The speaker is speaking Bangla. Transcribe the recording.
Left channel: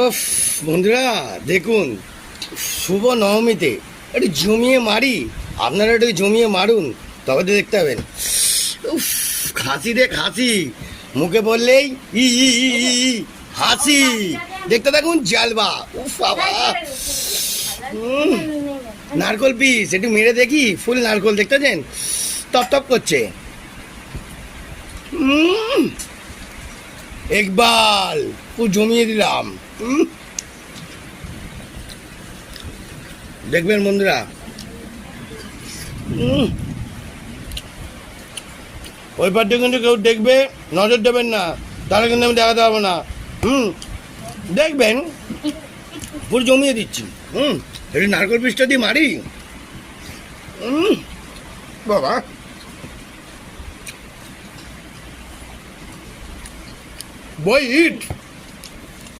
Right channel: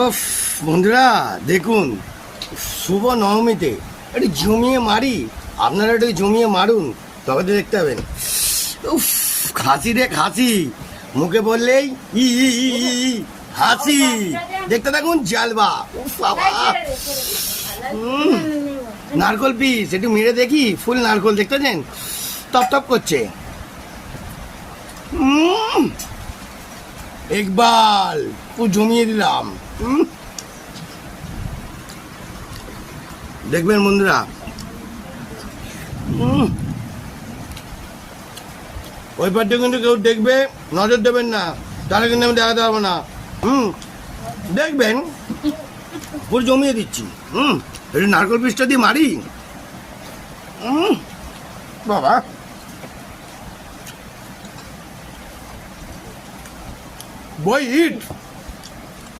উফ, বন্ধুরা দেখুন, শুভ নবমীতে একটু জমিয়ে মারি। আপনারা একটু জমিয়ে মারুন, তবে তো দেখতে পাবেন। উফ, খাসি রে খাসি, মুখে বললেই ই ই ই ই ই, হাসি। দেখতে দেখুন জালবা। উফ বাবা, নারকল পিস একটু মেরে দেখি, ফুল নারকল দেখতে পাচ্ছেন, টপ টপ করছে। একবার পুরো জমিয়ে দিলাম। দেখবেন বন্ধুরা, ওই পার্টি কিন্তু কেউ দেখবে, নজর দেবেন না, তাহলে কিন্তু আমি দেখাতে পারবো না। দেখবেন পুরো জমিয়ে দিচ্ছি। একটু নারকল পিসটা দিয়ে মারি। বাবা, বই হিট।